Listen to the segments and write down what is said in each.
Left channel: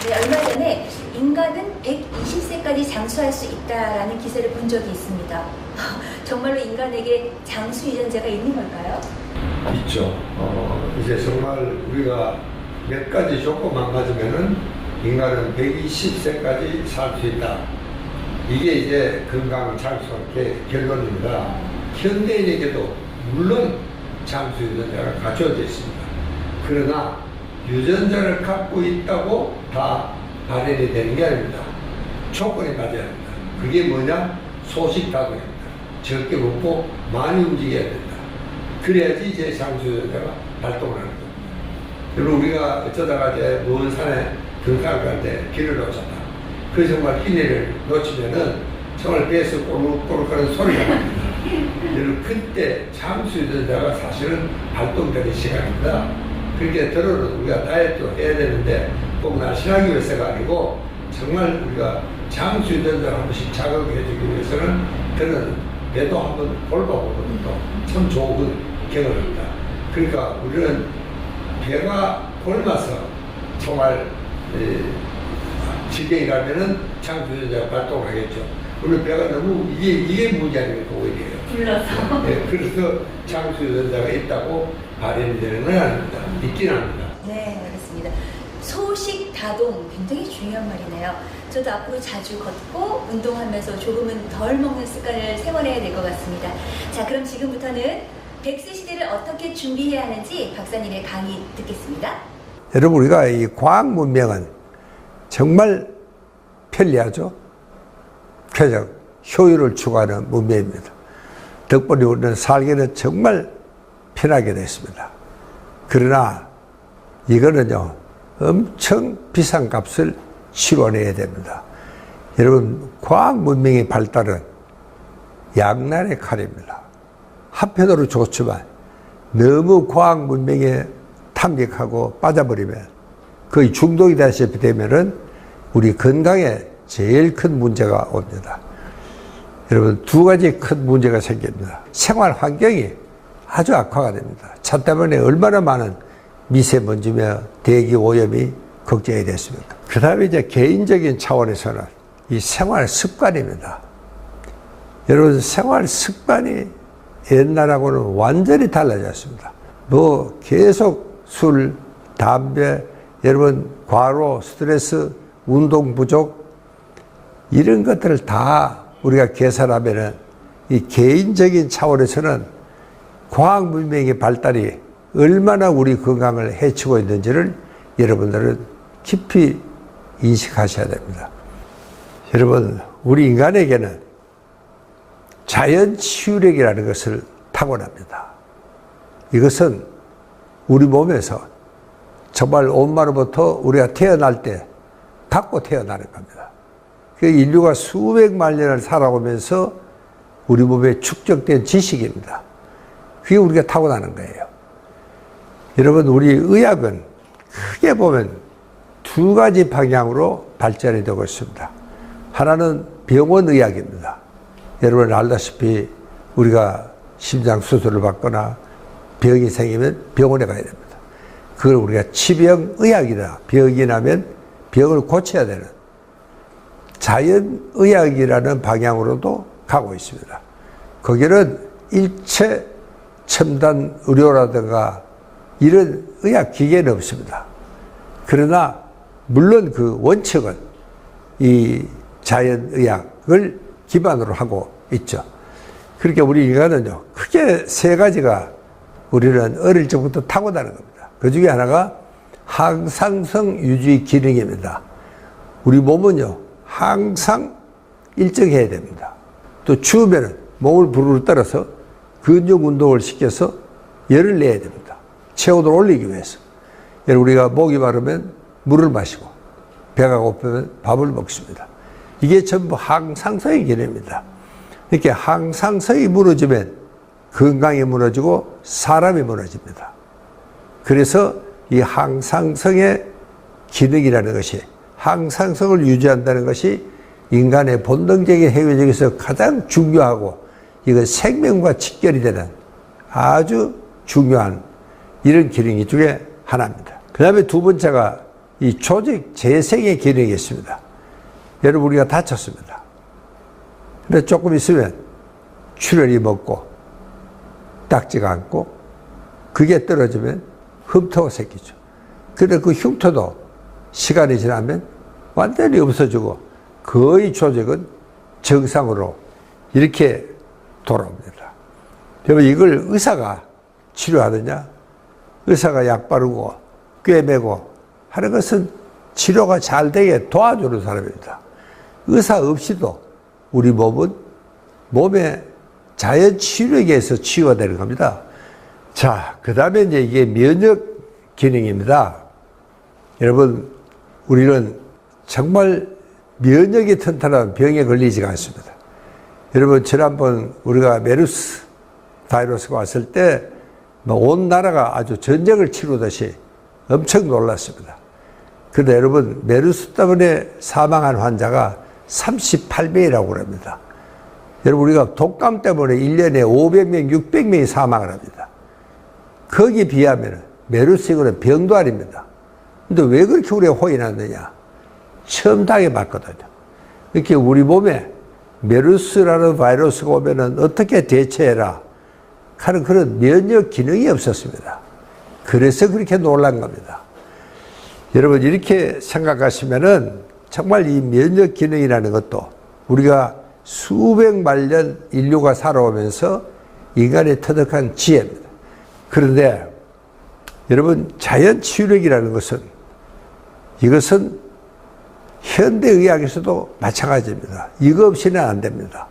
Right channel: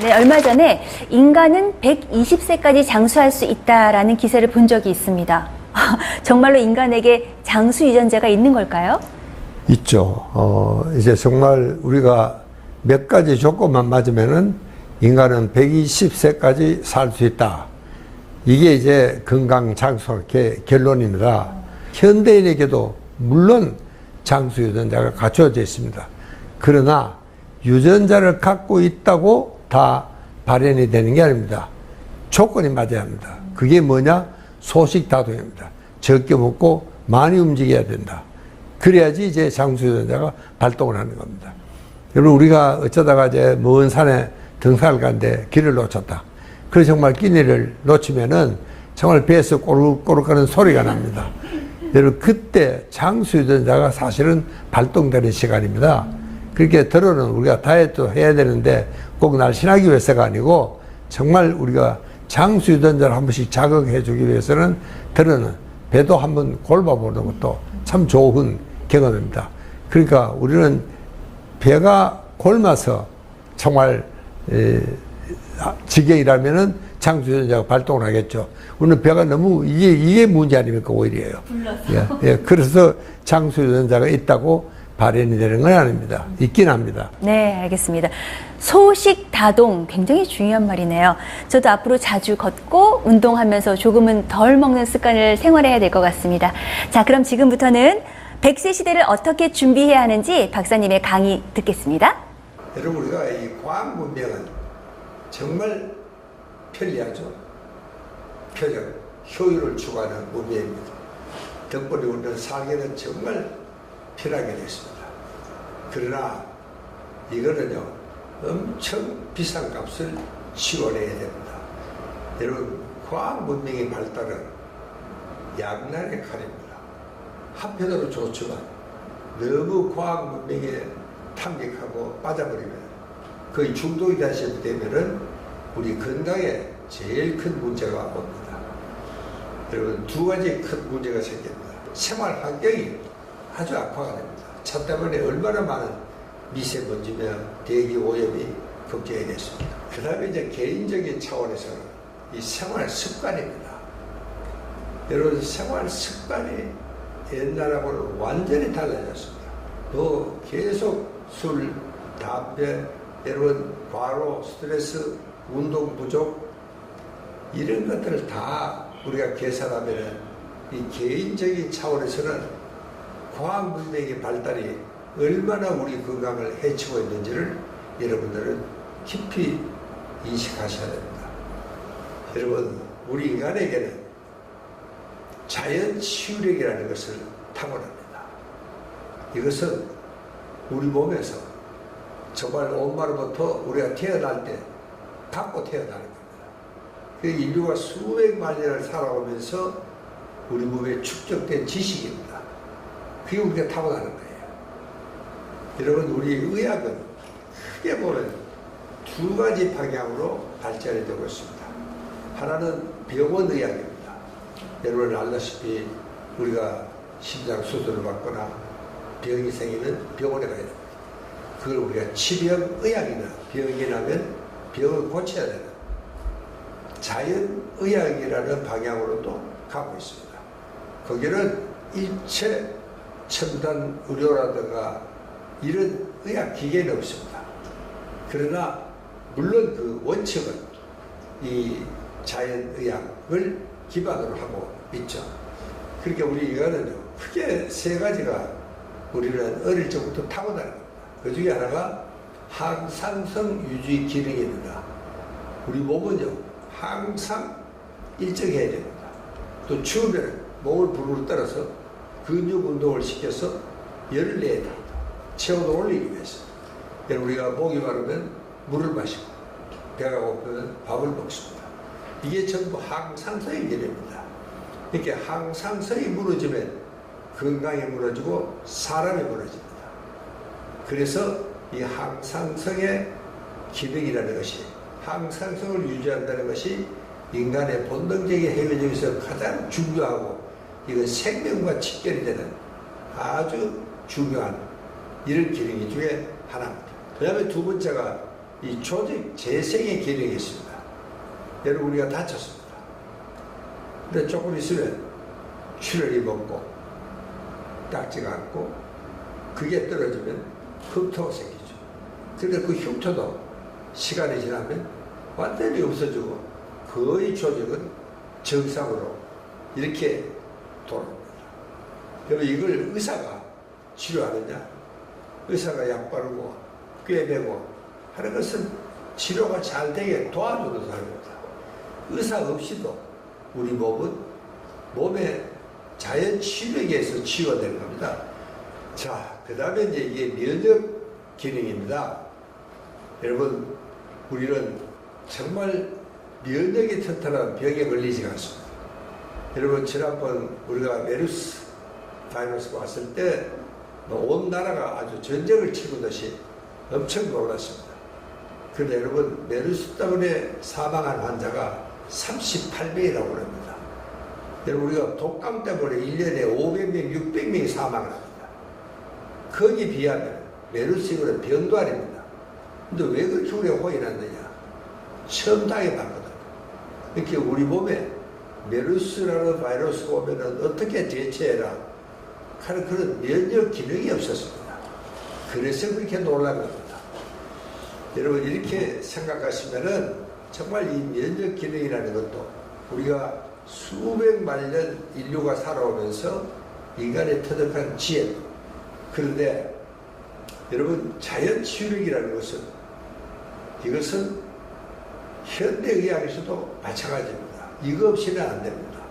네, 얼마 전에 인간은 120세까지 장수할 수 있다라는 기사를 본 적이 있습니다. 정말로 인간에게 장수 유전자가 있는 걸까요? 있죠. 이제 정말 우리가 몇 가지 조건만 맞으면은 인간은 120세까지 살 수 있다. 이게 이제 건강 장수 결론입니다. 현대인에게도 물론 장수 유전자가 갖춰져 있습니다. 그러나 유전자를 갖고 있다고 다 발현이 되는 게 아닙니다. 조건이 맞아야 합니다. 그게 뭐냐? 소식다동입니다. 적게 먹고 많이 움직여야 된다. 그래야지 이제 장수 유전자가 발동을 하는 겁니다. 여러분, 우리가 어쩌다가 이제 먼 산에 등산을 가는데 길을 놓쳤다. 그래서 정말 끼니를 놓치면은 정말 배에서 꼬르륵꼬르륵 소리가 납니다. 여러분, 그때 장수 유전자가 사실은 발동되는 시간입니다. 그렇게 들어는 우리가 다이어트 해야 되는데 꼭 날씬하기 위해서가 아니고 정말 우리가 장수 유전자를 한 번씩 자극해 주기 위해서는 들어는 배도 한번 골라보는 것도 참 좋은 경험입니다. 그러니까 우리는 배가 골마서 정말 지경이라면은 장수 유전자가 발동을 하겠죠. 우리는 배가 너무 이게 문제 아닙니까? 오히려요. 예, 그래서 장수 유전자가 있다고 발현이 되는 건 아닙니다. 있긴 합니다. 네, 알겠습니다. 소식 다동 굉장히 중요한 말이네요. 저도 앞으로 자주 걷고 운동하면서 조금은 덜 먹는 습관을 생활해야 될 것 같습니다. 자, 그럼 지금부터는 100세 시대를 어떻게 준비해야 하는지 박사님의 강의 듣겠습니다. 여러분, 우리가 이 과학 문명은 정말 편리하죠. 쾌적, 효율을 추구하는 문명입니다. 덕분에 우리는 살기는 정말 편하게 됐습니다. 그러나 이거는요, 엄청 비싼 값을 치러내야 됩니다. 여러분, 과학 문명의 발달은 양날의 칼입니다. 한편으로 좋지만 너무 과학 문명에 탐닉하고 빠져버리면 거의 중독이 되시게 되면은 우리 건강에 제일 큰 문제가 옵니다. 여러분, 두 가지 큰 문제가 생깁니다. 생활 환경이 아주 악화가 됩니다. 차 때문에 얼마나 많은 미세먼지며 대기 오염이 걱정이 됐습니다. 그 다음에 이제 개인적인 차원에서는 이 생활 습관입니다. 여러분, 생활 습관이 옛날하고는 완전히 달라졌습니다. 뭐 계속 술, 담배, 여러분 과로, 스트레스, 운동 부족 이런 것들을 다 우리가 계산하면은 이 개인적인 차원에서는 과학 문명의 발달이 얼마나 우리 건강을 해치고 있는지를 여러분들은 깊이 인식하셔야 됩니다. 여러분, 우리 인간에게는 자연 치유력이라는 것을 타고납니다. 이것은 우리 몸에서 정말 온마로부터 우리가 태어날 때 갖고 태어나는 겁니다. 그 인류가 수백만 년을 살아오면서 우리 몸에 축적된 지식입니다. 그게 우리가 타고나는 거예요. 여러분, 우리 의학은 크게 보면 두 가지 방향으로 발전이 되고 있습니다. 하나는 병원 의학입니다. 여러분 알다시피 우리가 심장 수술을 받거나 병이 생기면 병원에 가야 됩니다. 그걸 우리가 치병의학이다. 병이 나면 병을 고쳐야 되는 자연의학이라는 방향으로도 가고 있습니다. 거기는 일체 첨단 의료라든가 이런 의학 기계는 없습니다. 그러나 물론 그 원칙은 이 자연의학을 기반으로 하고 있죠. 그러니까 우리 인간은요, 크게 세 가지가 우리는 어릴 적부터 타고나는 겁니다. 그 중에 하나가 항상성 유지 기능입니다. 우리 몸은요, 항상 일정해야 됩니다. 또 추우면은 몸을 부르르 떨어서 근육 운동을 시켜서 열을 내야 됩니다. 체온을 올리기 위해서. 우리가 목이 마르면 물을 마시고 배가 고프면 밥을 먹습니다. 이게 전부 항상성의 기능입니다. 이렇게 항상성이 무너지면 건강이 무너지고 사람이 무너집니다. 그래서 이 항상성의 기능이라는 것이, 항상성을 유지한다는 것이 인간의 본능적인 행위 중에서 가장 중요하고 이건 생명과 직결이 되는 아주 중요한 이런 기능 중에 하나입니다. 그 다음에 두 번째가 이 조직 재생의 기능이 있습니다. 여러분, 우리가 다쳤습니다. 근데 조금 있으면 출혈이 먹고 딱지가 않고 그게 떨어지면 흉터가 생기죠. 근데 그 흉터도 시간이 지나면 완전히 없어지고 거의 조직은 정상으로 이렇게 돌아옵니다. 그러면 이걸 의사가 치료하느냐? 의사가 약 바르고 꿰매고 하는 것은 치료가 잘 되게 도와주는 사람입니다. 의사 없이도 우리 몸은 몸의 자연 치료에 의해서 치유가 되는 겁니다. 자, 그 다음에 이제 이게 면역 기능입니다. 여러분, 우리는 정말 면역이 튼튼한 병에 걸리지가 않습니다. 여러분, 지난번 우리가 메르스 바이러스가 왔을 때 온 나라가 아주 전쟁을 치르듯이 엄청 놀랐습니다. 그런데 여러분, 메르스 때문에 사망한 환자가 38명이라고 합니다. 여러분, 우리가 독감 때문에 1년에 500명, 600명이 사망을 합니다. 거기에 비하면 메르스 이거는 병도 아닙니다. 근데 왜 그렇게 우리가 혼이 났느냐? 처음 당해봤거든요. 이렇게 우리 몸에 메르스라는 바이러스가 오면은 어떻게 대처해라 하는 그런 면역 기능이 없었습니다. 그래서 그렇게 놀란 겁니다. 여러분, 이렇게 생각하시면은 정말 이 면역 기능이라는 것도 우리가 수백만 년 인류가 살아오면서 인간의 터득한 지혜입니다. 그런데 여러분, 자연 치유력이라는 것은 이것은 현대의학에서도 마찬가지입니다. 이거 없이는 안 됩니다.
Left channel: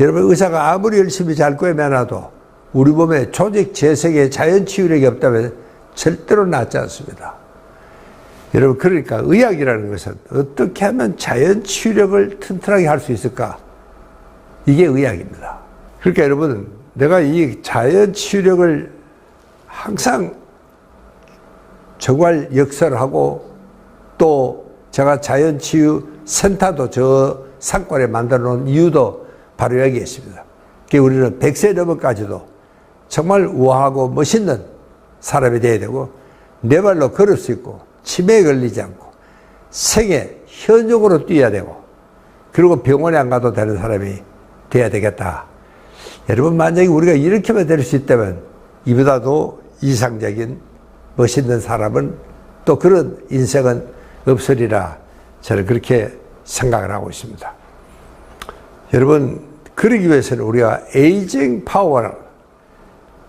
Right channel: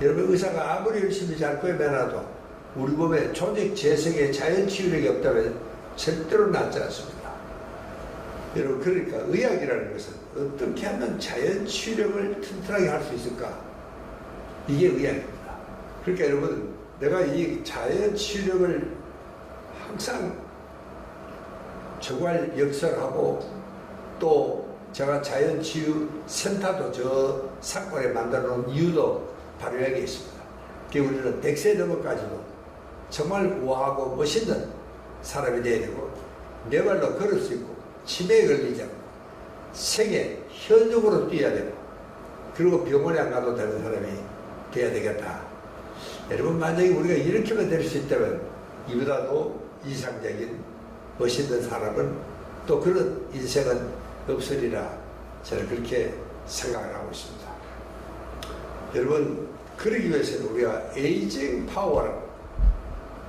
여러분, 의사가 아무리 열심히 잘 꿰매놔도 우리 몸에 조직 재생의 자연 치유력이 없다면 절대로 낫지 않습니다. 여러분, 그러니까 의학이라는 것은 어떻게 하면 자연 치유력을 튼튼하게 할 수 있을까? 이게 의학입니다. 그러니까 여러분, 내가 이 자연 치유력을 항상 정말 역설하고 또 제가 자연치유 센터도 저 상권에 만들어 놓은 이유도 바로 여기에 있습니다. 그러니까 우리는 100세 넘어까지도 정말 우아하고 멋있는 사람이 되어야 되고 내 발로 걸을 수 있고 치매에 걸리지 않고 생에 현역으로 뛰어야 되고 그리고 병원에 안 가도 되는 사람이 돼야 되겠다. 여러분, 만약에 우리가 이렇게만 될 수 있다면 이보다도 이상적인 멋있는 사람은 또 그런 인생은 없으리라 저는 그렇게 생각을 하고 있습니다. 여러분, 그러기 위해서는 우리가 에이징 파워를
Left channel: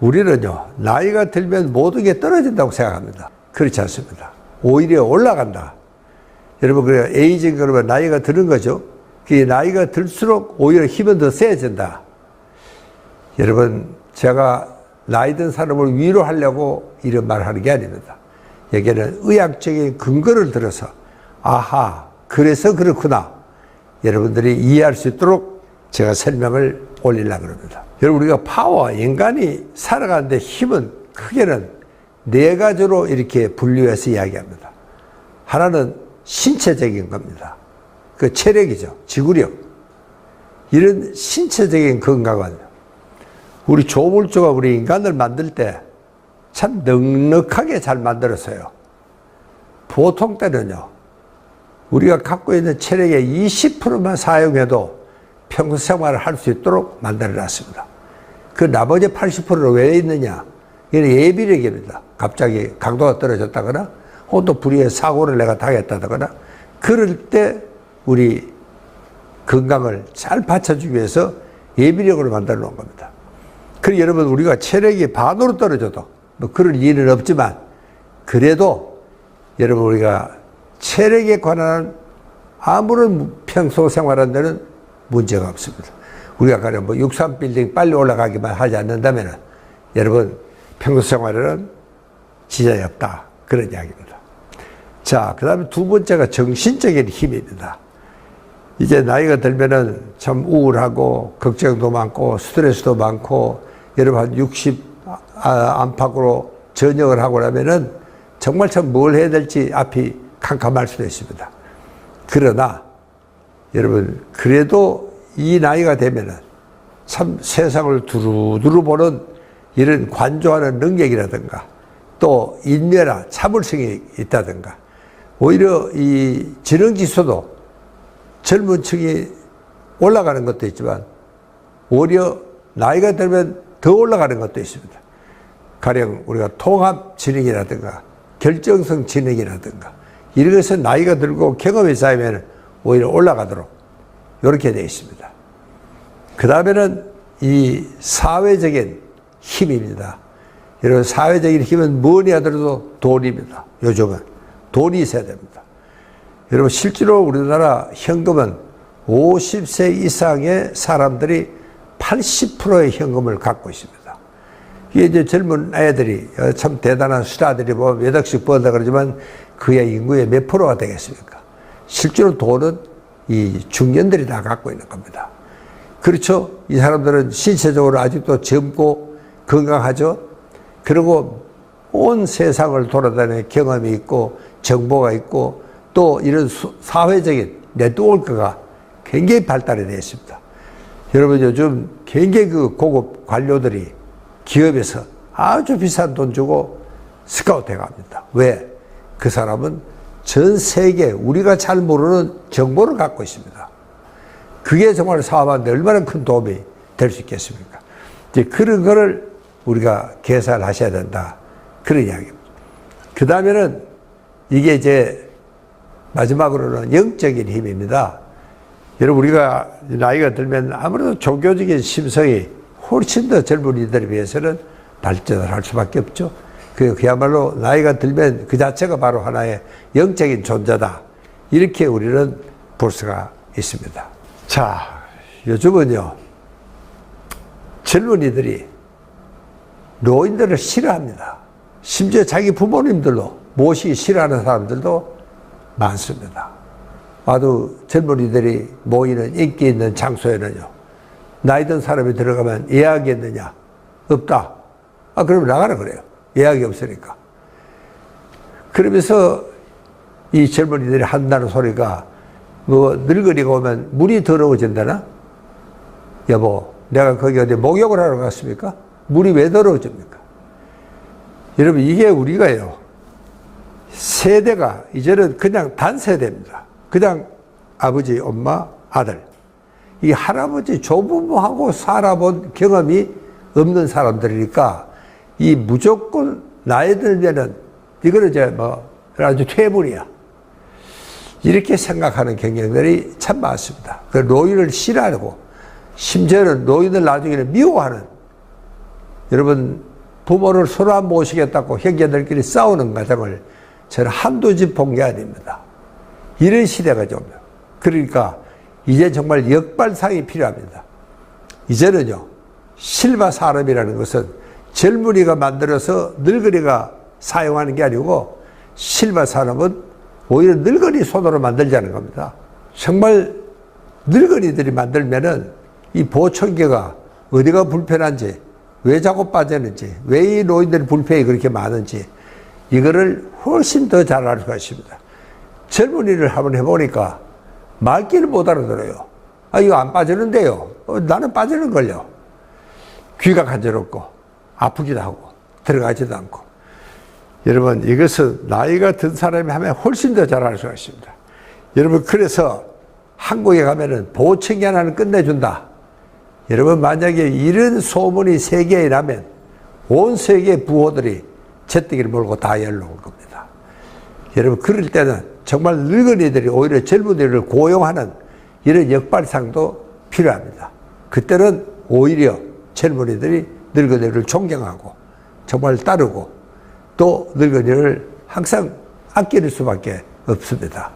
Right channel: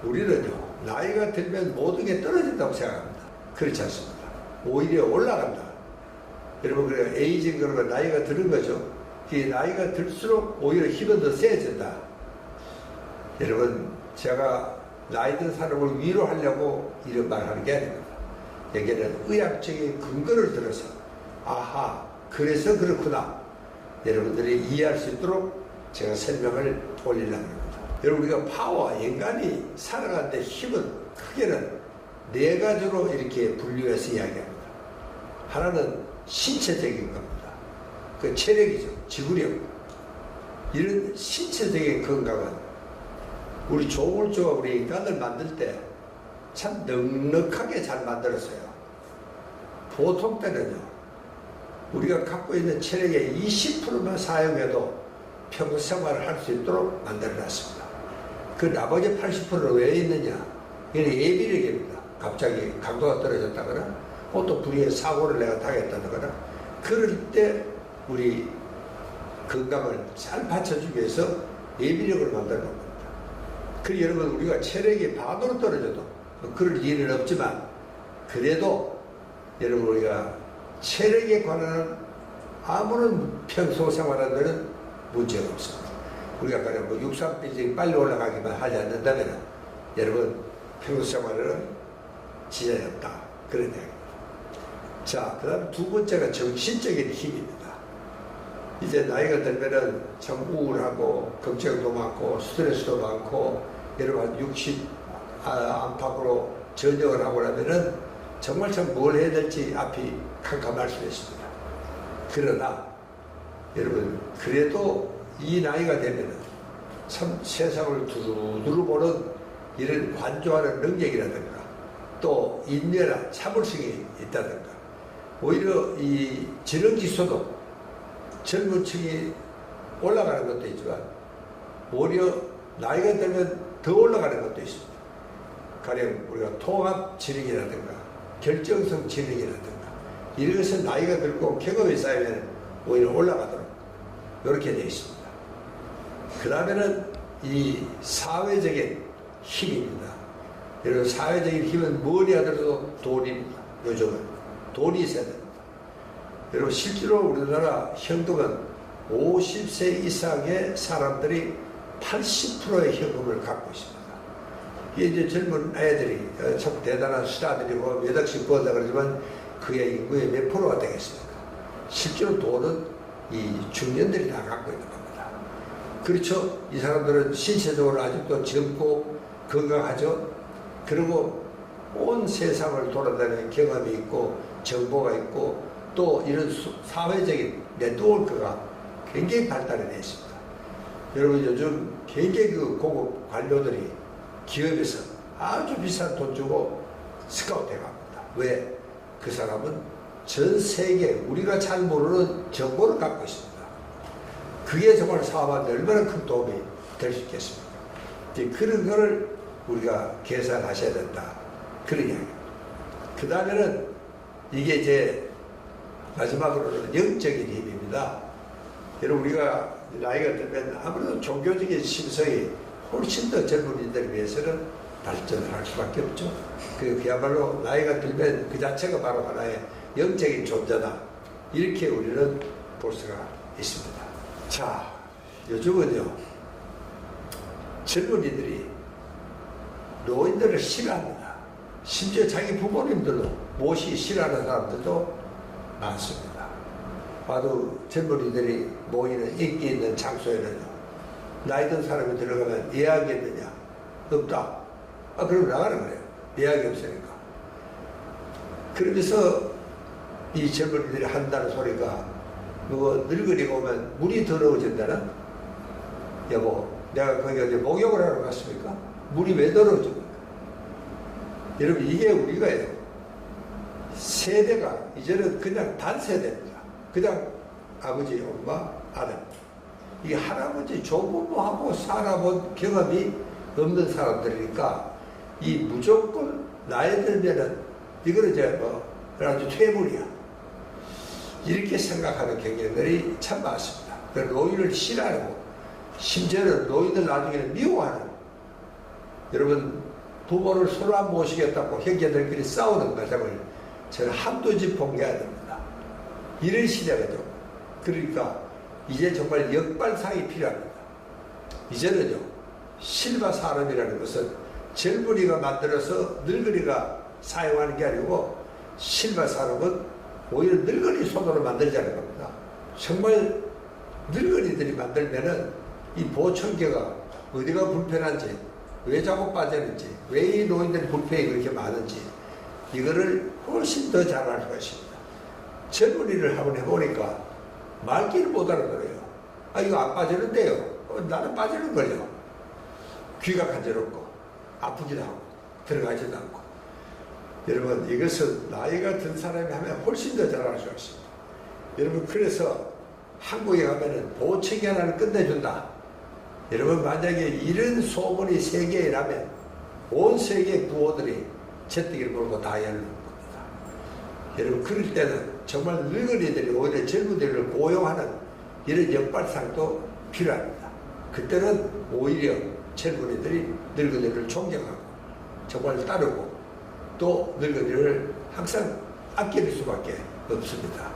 우리는요, 나이가 들면 모든 게 떨어진다고 생각합니다. 그렇지 않습니다. 오히려 올라간다. 여러분, 그래 에이징 그러면 나이가 드는 거죠. 그 나이가 들수록 오히려 힘은 더 세진다. 여러분, 제가 나이 든 사람을 위로하려고 이런 말을 하는 게 아닙니다. 여기는 의학적인 근거를 들어서 아하, 그래서 그렇구나. 여러분들이 이해할 수 있도록 제가 설명을 올리려고 합니다. 여러분, 우리가 파워, 인간이 살아가는데 힘은 크게는 네 가지로 이렇게 분류해서 이야기합니다. 하나는 신체적인 겁니다. 그 체력이죠. 지구력. 이런 신체적인 건강은 우리 조물주가 우리 인간을 만들 때 참 넉넉하게 잘 만들었어요. 보통 때는요, 우리가 갖고 있는 체력의 20%만 사용해도 평소 생활을 할 수 있도록 만들어 놨습니다. 그 나머지 80%는 왜 있느냐? 이는 예비력입니다. 갑자기 강도가 떨어졌다거나, 혹은 또 불의의 사고를 내가 당했다거나, 그럴 때 우리 건강을 잘 받쳐주기 위해서 예비력으로 만들어 놓은 겁니다. 그리고 여러분, 우리가 체력이 반으로 떨어져도 뭐 그럴 일은 없지만, 그래도 여러분, 우리가 체력에 관한 아무런 평소 생활한 데는 문제가 없습니다. 우리가 가령 뭐 63빌딩 빨리 올라가기만 하지 않는다면 여러분, 평소 생활에는 지장이 없다. 그런 이야기입니다. 자, 그 다음에 두 번째가 정신적인 힘입니다. 이제 나이가 들면은 참 우울하고 걱정도 많고 스트레스도 많고 여러분 한 60 안팎으로 전역을 하고 나면은 정말 참 뭘 해야 될지 앞이 캄캄할 수도 있습니다. 그러나 여러분, 그래도 이 나이가 되면은 참 세상을 두루두루 보는 이런 관조하는 능력이라든가 또 인내나 참을성이 있다든가 오히려 이 지능지수도 젊은 층이 올라가는 것도 있지만 오히려 나이가 들면 더 올라가는 것도 있습니다. 가령 우리가 통합지능이라든가 결정성 지능이라든가 이런 것은 나이가 들고 경험이 쌓이면 오히려 올라가도록 이렇게 되어 있습니다. 그 다음에는 이 사회적인 힘입니다. 여러분, 사회적인 힘은 뭐니 하더라도 돈입니다. 요즘은 돈이 있어야 됩니다. 여러분, 실제로 우리나라 현금은 50세 이상의 사람들이 80%의 현금을 갖고 있습니다. 이게 이제 젊은 애들이 참 대단한 스타들이 뭐 몇 억씩 번다 그러지만 그의 인구의 몇 프로가 되겠습니까? 실제로 돈은 이 중년들이 다 갖고 있는 겁니다. 그렇죠? 이 사람들은 신체적으로 아직도 젊고 건강하죠? 그리고 온 세상을 돌아다니는 경험이 있고 정보가 있고 또 이런 사회적인 네트워크가 굉장히 발달이 되어 있습니다. 여러분, 요즘 굉장히 그 고급 관료들이 기업에서 아주 비싼 돈 주고 스카우트 해갑니다. 왜? 그 사람은 전 세계 우리가 잘 모르는 정보를 갖고 있습니다. 그게 정말 사업하는데 얼마나 큰 도움이 될 수 있겠습니까? 이제 그런 거를 우리가 계산을 하셔야 된다. 그런 이야기입니다. 그 다음에는 이게 이제 마지막으로는 영적인 힘입니다. 여러분, 우리가 나이가 들면 아무래도 종교적인 심성이 훨씬 더 젊은이들에 비해서는 발전을 할 수밖에 없죠. 그야말로 나이가 들면 그 자체가 바로 하나의 영적인 존재다. 이렇게 우리는 볼 수가 있습니다. 자, 요즘은요, 젊은이들이 노인들을 싫어합니다. 심지어 자기 부모님들도 모시기 싫어하는 사람들도 많습니다. 아주 젊은이들이 모이는 인기 있는 장소에는요, 나이 든 사람이 들어가면 예약이 있느냐? 없다. 아, 그러면 나가라 그래요. 예약이 없으니까. 그러면서 이 젊은이들이 한다는 소리가 뭐 늙은이가 오면 물이 더러워진다나? 여보, 내가 거기 어디 목욕을 하러 갔습니까? 물이 왜 더러워집니까? 여러분, 이게 우리가요, 세대가 이제는 그냥 단세대입니다. 그냥 아버지, 엄마, 아들. 이 할아버지, 조부모하고 살아본 경험이 없는 사람들이니까 이 무조건 나이 들면은 이거는 이제 뭐 아주 퇴물이야. 이렇게 생각하는 경향들이 참 많습니다. 그 노인을 싫어하고 심지어는 노인을 나중에는 미워하는, 여러분, 부모를 서로 안 모시겠다고 형제들끼리 싸우는 과정을 저는 한두 집 본 게 아닙니다. 이런 시대가 좀, 그러니까 이제 정말 역발상이 필요합니다. 이제는요, 실바 산업이라는 것은 젊은이가 만들어서 늙은이가 사용하는 게 아니고 실바 산업은 오히려 늙은이 손으로 만들자는 겁니다. 정말 늙은이들이 만들면은 이 보청기가 어디가 불편한지, 왜 자꾸 빠지는지, 왜 이 노인들 불편이 그렇게 많은지 이거를 훨씬 더 잘 알 수가 있습니다. 젊은이를 한번 해보니까 말귀를 못 알아들어요. 아, 이거 안 빠지는데요. 나는 빠지는걸요. 귀가 간지럽고 아프기도 하고 들어가지도 않고. 여러분, 이것은 나이가 든 사람이 하면 훨씬 더 잘 알 수가 있습니다. 여러분, 그래서 한국에 가면은 보청기 하나는 끝내준다. 여러분, 만약에 이런 소문이 세계에 나면 온 세계 부호들이 제뜨기를 몰고 다 열러 올 겁니다. 여러분, 그럴 때는 정말 늙은이들이 오히려 젊은이들을 고용하는 이런 역발상도 필요합니다. 그때는 오히려 젊은이들이 늙은이를 존경하고 정말 따르고 또 늙은이를 항상 아낄 수밖에 없습니다.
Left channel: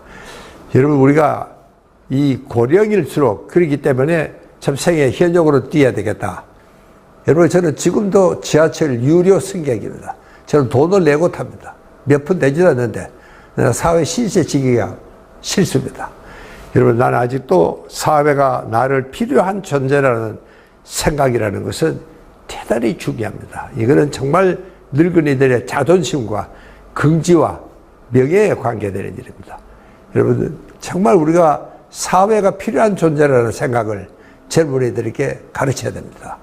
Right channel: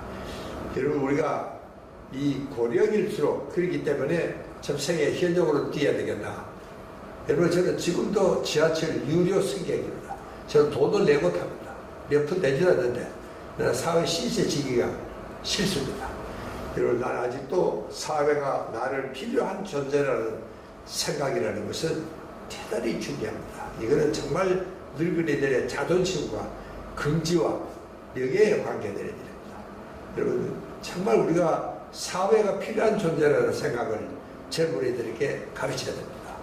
여러분, 우리가 이 고령일수록 그렇기 때문에 참 생애 현역으로 뛰어야 되겠다. 여러분, 저는 지금도 지하철 유료 승객입니다. 저는 돈을 내고 탑니다. 몇 푼 되지도 않는데 사회 신세 지기가 싫습니다. 여러분, 나는 아직도 사회가 나를 필요한 존재라는 생각이라는 것은 대단히 중요합니다. 이거는 정말 늙은이들의 자존심과 긍지와 명예에 관계되는 일입니다. 여러분, 정말 우리가 사회가 필요한 존재라는 생각을 젊은이들에게 가르쳐야 됩니다.